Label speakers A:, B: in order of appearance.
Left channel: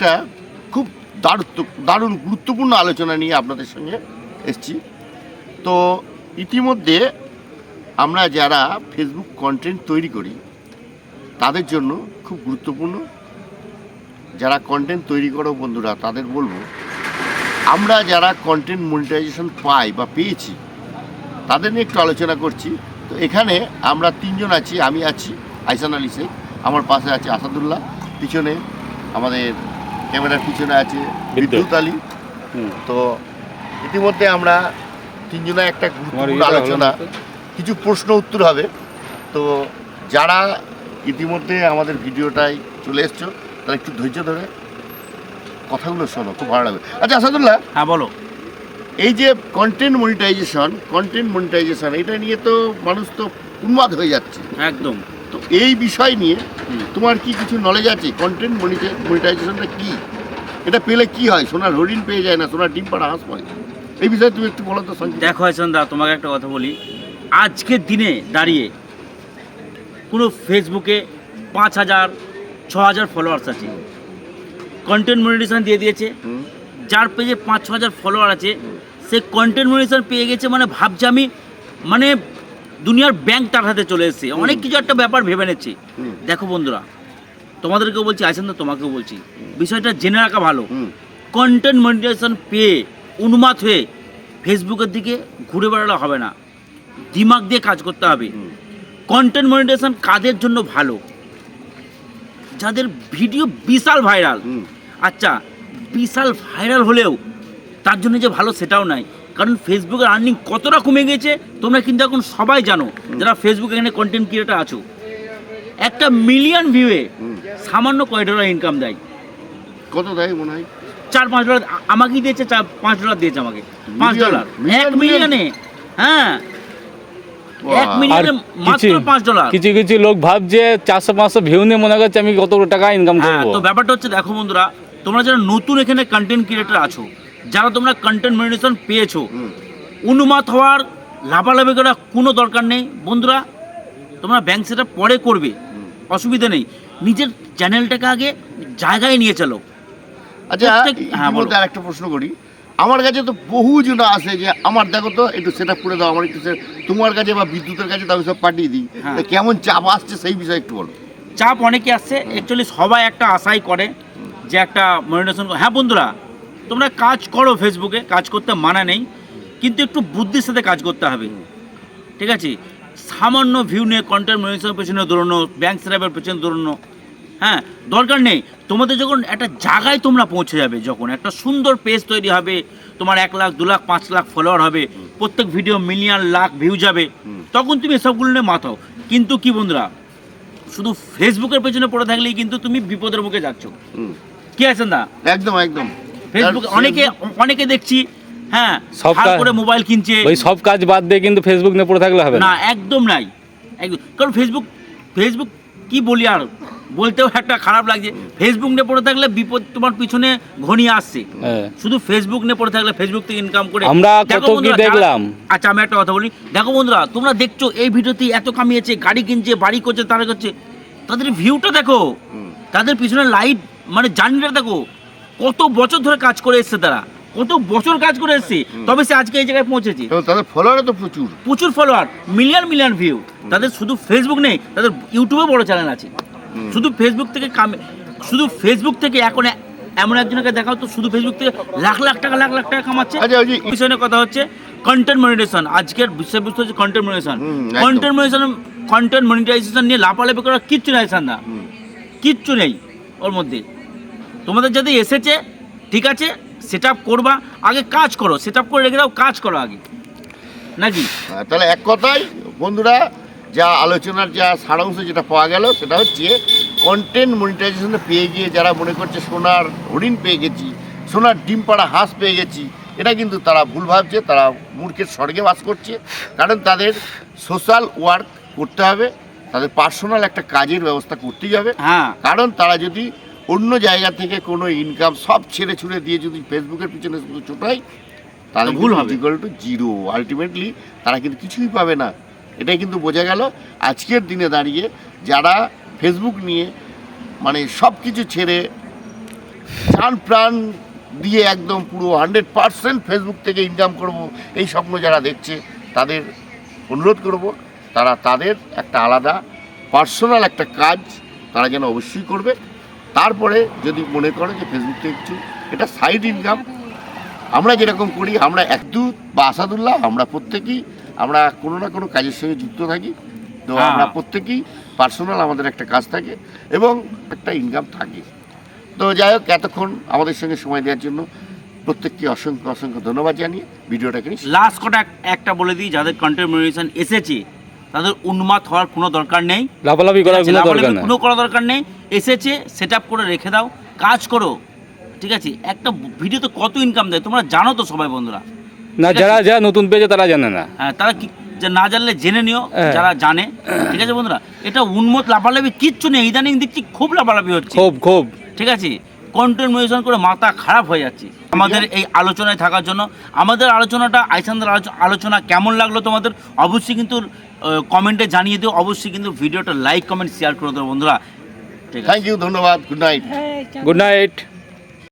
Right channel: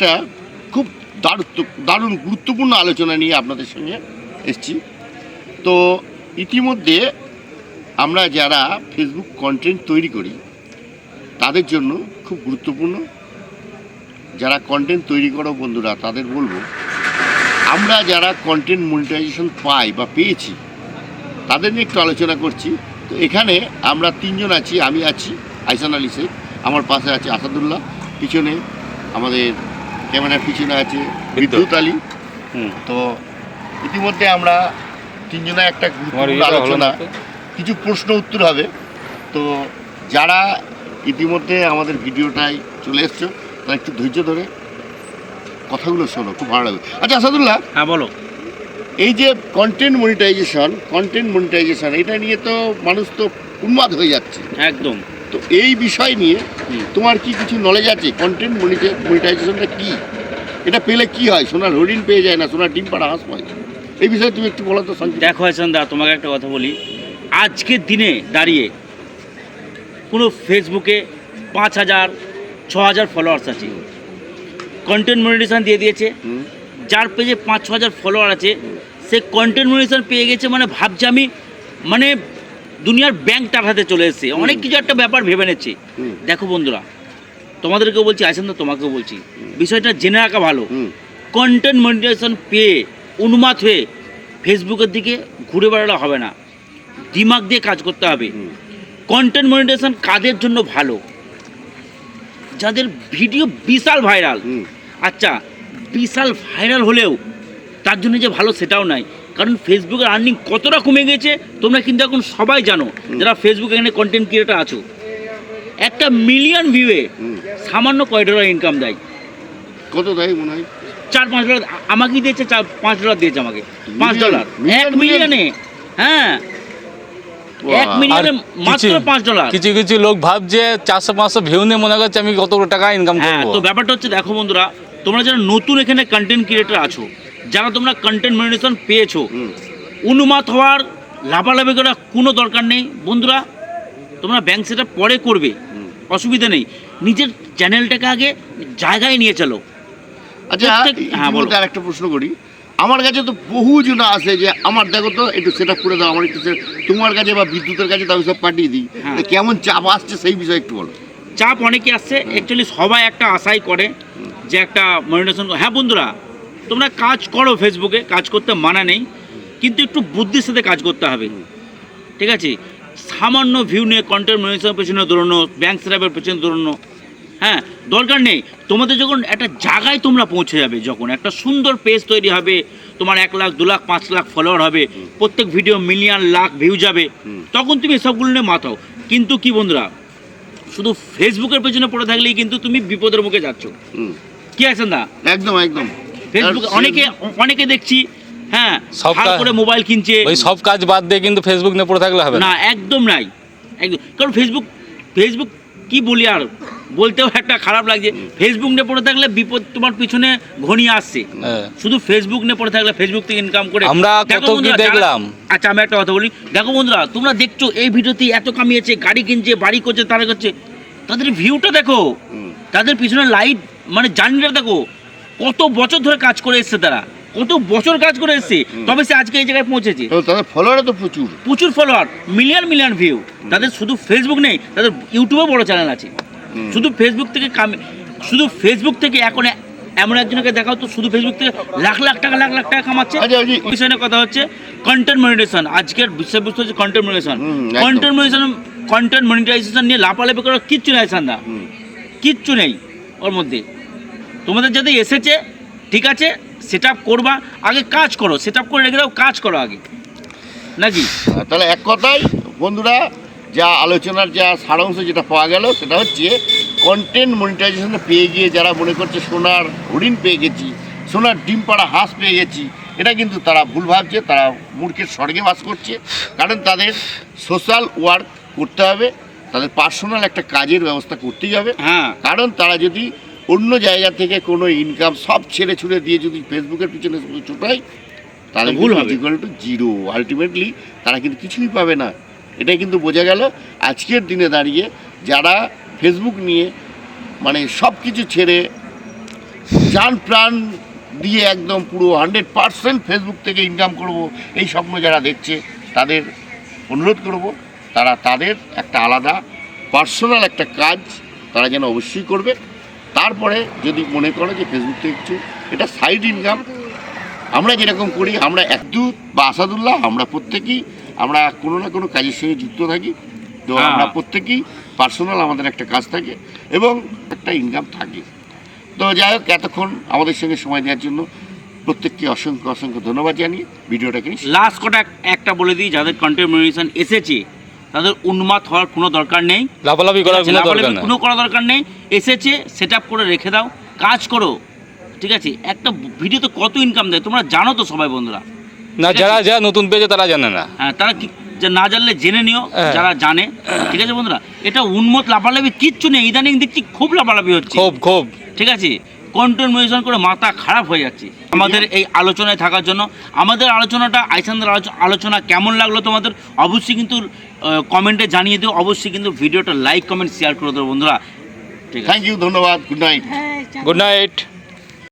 A: একটা খুব দারুণ, গুরুত্বপূর্ণ আলোচনা নিয়ে আপনাদের সঙ্গে এসেছি। তো ইতিমধ্যে আমরা যারা ফেসবুক কন্টেন্ট তৈরি করি, তাদের জন্য খুব গুরুত্বপূর্ণ। যারা কন্টেন্ট তৈরি করো বন্ধুরা, তাদের বলব, আমরা যারা কন্টেন্ট মনিটাইজেশন পাই বা পেয়েছি, তাদের নিয়ে একটু আলোচনা করছি। তো এখানে আমরা তিনজন আছি, আমি আছি আইসান আলী শেখ, আমার পাশে আছে আসাদুল্লাহ, পিছনে আমাদের ক্যামেরার পিছনে আছে বিদ্যুৎ। আলী। তো ইতিমধ্যে আমরা তিনজনে একটা গুরুত্বপূর্ণ আলোচনা
B: না
A: কিছু প্রশ্ন উত্তর হবে। তো যারা ইতিমধ্যে আমাদের ভিডিওটায় চলে এসছো তারা একটু ধৈর্য ধরে কথাগুলো শোনো খুব ভালো লাগবে। আচ্ছা আসাদুল্লাহ
C: হ্যাঁ বলো।
A: এই যে কন্টেন্ট মনিটাইজেশন কন্টেন্ট মনিটাইজেশন এটা নিয়ে তো মানুষ তো উন্মাদ হয়ে যাচ্ছে।
C: একদম।
A: তো এই বিষয় নিয়ে তোমার কি কিছু নলেজ আছে? কন্টেন্ট মনিটাইজেশনটা কি? এটা পেলে কি হয়? সোনার হরিণ পেয়ে যায় না? সোনার ডিম পাড়া হাঁস পায়? এই বিষয়ে তুমি একটু বলো তো
C: দেখো দা তোমাকে একটা কথা বলি। আজকের দিনে দাঁড়িয়ে কোনো ফেসবুকে পাঁচ হাজার ছ হাজার ফলোয়ার্স আছে। কন্টেন্ট মনিটেশন দিয়ে দিয়েছে। যার পেজে পাঁচ ছ হাজার ফলোয়ার আছে সে কন্টেন্ট মনিটেশন পেয়ে গেছে মানে ভাবছে আমি মানে দুনিয়ার ব্যাংক তার হাতে চলে এসেছে। অনেক কিছু একটা ব্যাপার ভেবে নিচ্ছে। দেখো বন্ধুরা তোমাদেরকেও বলছি আসেন তো? তোমাকেও বলছি। বিষয়টা জেনে রাখা ভালো। কন্টেন্ট মনিটাইজেশন পেয়ে উন্মাদ হয়ে ফেসবুকের দিকে ঘুরে বেড়ালে হবে না। দিমাগ দিয়ে কাজ করতে হবে। কন্টেন্ট মনিটাইজেশন কাদের জন্য ভালো? যাদের ভিডিও বিশাল ভাইরাল আচ্ছা বিশাল ভাইরাল হলেও তার জন্য যে ভালো সেটাও নাই। কারণ ফেসবুকের আর্নিং কতটা কমে গেছে তোমরা কিন্তু এখন সবাই জানো যারা ফেসবুকে এখানে কন্টেন্ট ক্রিয়েটার আছো। একটা মিলিয়ন ভিউয়ে সামান্য কয় ডলার ইনকাম দেয়।
A: কত দেয় মনে হয়?
C: চার পাঁচ ডলার আ- আমাকেই দিয়েছে চার পাঁচ ডলার দিয়েছে আমাকে। পাঁচ? ডলার এক? মিলিয়নে হ্যাঁ। এক মিলিয়নে মাত্র পাঁচ ডলার
B: কিছু কিছু লোক ভাবছে চারশো পাঁচশো ভিউ নিয়ে মনে করছে আমি কত টাকা ইনকাম
C: হ্যাঁ
B: করব।
C: তো ব্যাপারটা হচ্ছে দেখো বন্ধুরা তোমরা যারা নতুন এখানে কন্টেন্ট ক্রিয়েটার আছো যারা তোমরা কন্টেন্ট মনিটেশন পেয়েছ অনুমাত হওয়ার লাভালাভি করার কোনো দরকার নেই বন্ধুরা তোমরা ব্যাংক সেটা পরে করবে। অসুবিধা নেই নিজের চ্যানেলটাকে আগে জায়গায় নিয়ে চলো
A: আচ্ছা
C: হ্যাঁ।
A: আর একটা প্রশ্ন করি আমার কাছে তো বহু জন আসে যে আমার দেখো তো একটু সেট করে দাও আমার একটু তোমার কাছে বা বিদ্যুতের কাছে তো সব পাঠিয়ে দিই
C: হ্যাঁ।
A: কেমন চাপ আসছে সেই বিষয়ে একটু বলো
C: চাপ অনেকে আসছে অ্যাকচুয়ালি সবাই একটা আশাই করে যে একটা মনিটেশন হ্যাঁ বন্ধুরা তোমরা কাজ করো ফেসবুকে কাজ করতে মানা নেই কিন্তু একটু বুদ্ধির সাথে কাজ করতে হবে। ঠিক আছে? সামান্য ভিউ নিয়ে কন্টেন্ট মনিটেশনের পেছনে দৌড়ানো ব্যাংক সেরাপের পেছনে দৌড়ানো হ্যাঁ দরকার নেই। তোমাদের যখন একটা জায়গায় তোমরা পৌঁছে যাবে যখন একটা সুন্দর পেজ তৈরি হবে তোমার এক লাখ দু লাখ পাঁচ লাখ ফলোয়ার হবে প্রত্যেক ভিডিও মিলিয়ন লাখ ভিউ যাবে তখন তুমি এসবগুলো নিয়ে মাথাও কিন্তু কি বন্ধুরা শুধু ফেসবুকের পেছনে পড়ে থাকলেই কিন্তু তুমি বিপদের মুখে যাচ্ছ। কি আছেন দা?
A: একদম একদম।
C: ফেসবুক অনেকে অনেকে দেখছি হ্যাঁ
B: সব
C: করে মোবাইল কিনছে।
B: ওই সব কাজ বাদ দিয়ে কিন্তু ফেসবুক নিয়ে পড়ে থাকলে হবে না।
C: একদম নাই। একদম কারণ ফেসবুক ফেসবুক কি বলি আর? বলতেও একটা খারাপ লাগছে। ফেসবুক নিয়ে পড়ে থাকলে বিপদ তোমার পিছনে ঘনিয়ে আসছে।
B: হ্যাঁ।
C: শুধু ফেসবুক নিয়ে পড়ে থাকলে ফেসবুক থেকে ইনকাম করে
B: আমরা কত কি দেখলাম।
C: আচ্ছা আমি একটা কথা বলি। দেখো বন্ধুরা তোমরা দেখছ এই ভিডিওতে এত কামিয়েছে গাড়ি কিনছে বাড়ি করছে তারা করছে। তাদের ভিউটা দেখো। তাদের পিছনে লাইট মানে জার্নিটা দেখো। কত বছর ধরে কাজ করে এসছে তারা? কত বছর কাজ করে এসছে? তবে সে আজকে এই জায়গায় পৌঁছেছে।
A: তাদের ফলোয়ার তো প্রচুর।
C: প্রচুর ফলোয়ার মিলিয়ন মিলিয়ন ভিউ তাদের শুধু ফেসবুক নেই তাদের ইউটিউবে বড় চ্যানেল আছে। শুধু ফেসবুক থেকে কামে শুধু ফেসবুক থেকে এখন এমন একজনকে দেখাও তো শুধু ফেসবুক থেকে লাখ লাখ টাকা লাখ লাখ টাকা কামাচ্ছে।
A: আচ্ছা
C: বিষয় কথা হচ্ছে কন্টেন্ট মনিটাইজেশন আজকের বিষয়বস্তু হচ্ছে content monetization content monetization content monetization নিয়ে লাপালাপি করার কিচ্ছু নেই সান্দা কিচ্ছু নেই ওর মধ্যে। তোমাদের যদি এসেছে ঠিক আছে সেট করবা আগে কাজ করো সেট করে রেখে দাও কাজ করো আগে। নাকি?
A: তাহলে এক কথায় বন্ধুরা যা আলোচনার যা সারাংশ যেটা পাওয়া গেল সেটা হচ্ছে কন্টেন্ট মনিটাইজেশনে পেয়ে গিয়ে যারা মনে করছে সোনার হরিণ পেয়ে গেছি সোনার ডিম পাড়া হাঁস পেয়ে গেছি এটা কিন্তু তারা ভুল ভাবছে তারা মূর্খের স্বর্গে বাস করছে। কারণ তাদের সোশ্যাল ওয়ার্ক করতে হবে তাদের পার্সোনাল একটা কাজের ব্যবস্থা করতেই হবে।
C: হ্যাঁ।
A: কারণ তারা যদি অন্য জায়গা থেকে কোনো ইনকাম সব ছেড়ে ছুড়ে দিয়ে যদি ফেসবুকের পিছনে শুধু ছুটায় তাহলে ভুল
C: ভুল হবে।
A: ইকুয়াল টু জিরো আলটিমেটলি তারা কিন্তু কিছুই পাবে না। এটাই কিন্তু বোঝা গেল। আজকের দিনে দাঁড়িয়ে যারা ফেসবুক নিয়ে মানে সব কিছু ছেড়ে যান প্রাণ দিয়ে একদম পুরো হান্ড্রেড পারসেন্ট ফেসবুক থেকে ইনকাম করব এই স্বপ্ন যারা দেখছে তাদের অনুরোধ করব তারা তাদের একটা আলাদা পার্সোনাল একটা কাজ তারা যেন অবশ্যই করবে। তারপরে যদি মনে করে যে ফেসবুক থেকে একটু এটা সাইড ইনকাম আমরা যেরকম করি আমরা একদু বা আসাদুল্লাহ আমরা প্রত্যেকেই আমরা কোনো না কোনো কাজের সঙ্গে যুক্ত থাকি তো
C: হ্যাঁ।
A: আমরা প্রত্যেকেই পার্সোনাল আমাদের একটা কাজ থাকে এবং একটা ইনকাম থাকে তো যাই হোক এতক্ষণ আমাদের সঙ্গে সময় দেওয়ার জন্য প্রত্যেককে অসংখ্য অসংখ্য ধন্যবাদ জানিয়ে ভিডিওটাকে নিয়ে
C: লাস্ট কটা একটা বলে দিই যাদের কন্টেন্ট এসেছে তাদের উন্মাদ হওয়ার কোনো দরকার নেই।
B: লাফালাফি করার কোনো দরকার নেই।
C: কোনো করা দরকার নেই। এসেছে সেট আপ করে রেখে দাও কাজ করো। ঠিক আছে একটা ভিডিওতে কত ইনকাম দেয় তোমরা জানো তো সবাই বন্ধুরা।
B: না যারা যারা নতুন পেয়েছে তারা জানে না।
C: হ্যাঁ তারা না জানলে জেনে নিও
B: হ্যাঁ।
C: যারা জানে। ঠিক আছে বন্ধুরা এটা উন্মত লাফালাফি কিচ্ছু নেই ইদানিং দেখছি খুব লাফালাফি হচ্ছে।
B: খুব খুব।
C: ঠিক আছে কন্টেন্ট মেডিসন করে মাথা খারাপ হয়ে যাচ্ছে। আমাদের এই আলোচনায় থাকার জন্য আমাদের আলোচনাটা আইসানদের আলোচনা কেমন লাগল তোমাদের অবশ্যই কিন্তু কমেন্টে জানিয়ে দিও অবশ্যই কিন্তু ভিডিওটা লাইক কমেন্ট শেয়ার করে দেবো বন্ধুরা। ঠিক
A: থ্যাংক ইউ ধন্যবাদ গুড নাইট
B: গুড নাইট